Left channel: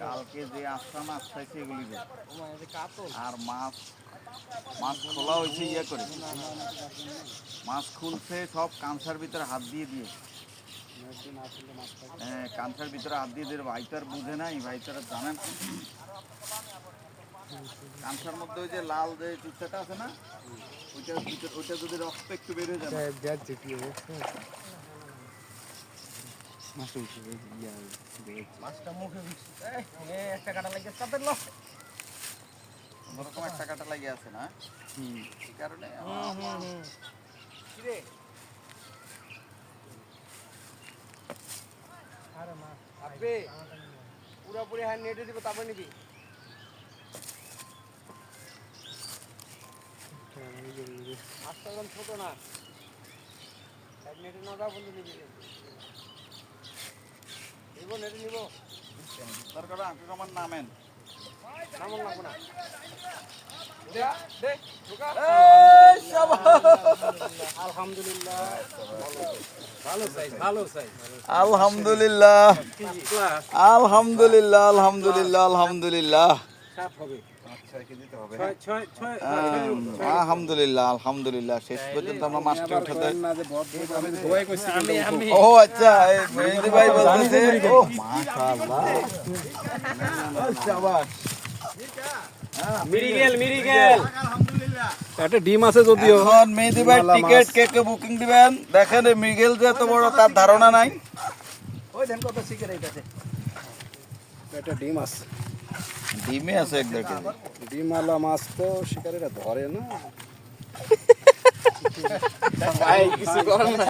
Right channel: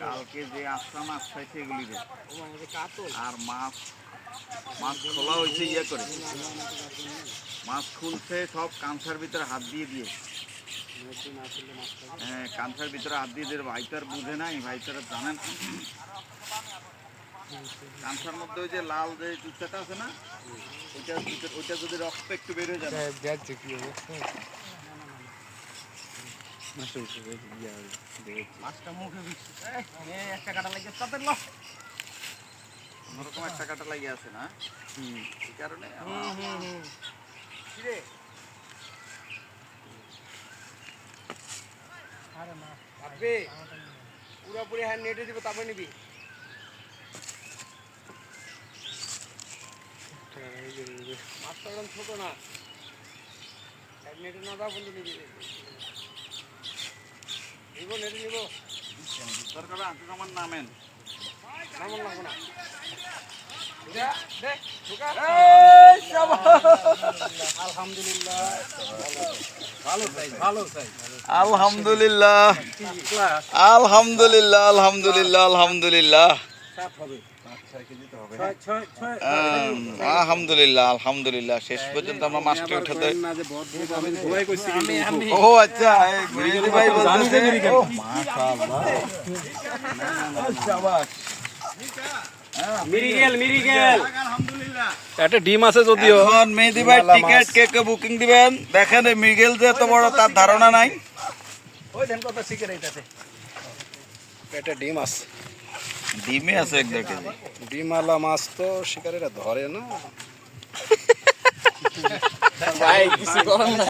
কালকে যে আটটা মাছ খাইছে এগুলি আর মাছ মাছ খোলা হয়েছে ইয়ে করে মাছ খুলছে সব কাঁচার ভিতরে হাত দিয়ে দিয়ে হ্যাঁ কাঁচার ভিতরে হাত দিয়ে দিয়ে ভাইটার বুঝে নাই ভাইটারা জানেন কাঁচার মধ্যে ওই যে লাল যে চুচাটা আছে না ওইটা ওইটা যদি রক্ত একটু বের হয়ে যাবে দেখছে কি অবস্থা মাছটা মুখে একটা কাটা লাগে তাদের লস ওরকম একটা কাটা লাগিয়ে আছে না এই কারণে কিরে আরে মা আপনি পুরোপুরি হ্যান্ড নেটে দিব তারপর নিবি মাছটা একদম ছোট না হ্যান্ড নেটে না দাও বন্ধু নিবি নিব নেটে নিব দরকার আঁকু আমার নামেন আলহামদুলিল্লাহ আলহামদুলিল্লাহ আলহামদুলিল্লাহ আলহামদুলিল্লাহ আলহামদুলিল্লাহ আলহামদুলিল্লাহ আলহামদুলিল্লাহ শেষ পর্যন্ত আমরা মাছটা উঠাতে ও আচ্ছা ভাই একটা ডিম আছে যদিও মেহেদি ভাই টিকেট কে কে বুকিং দিবেন দেখেন মৃগেল যে এত বড় তার ধারণা নাই ওই দেন কত শিকার এইটাতে একটা ডিম আছে ডিমে আছে 1-2 কেজি ডিমওয়ালা মাছ তো শিকারীরা ধরে না ভাই কিছু করেন না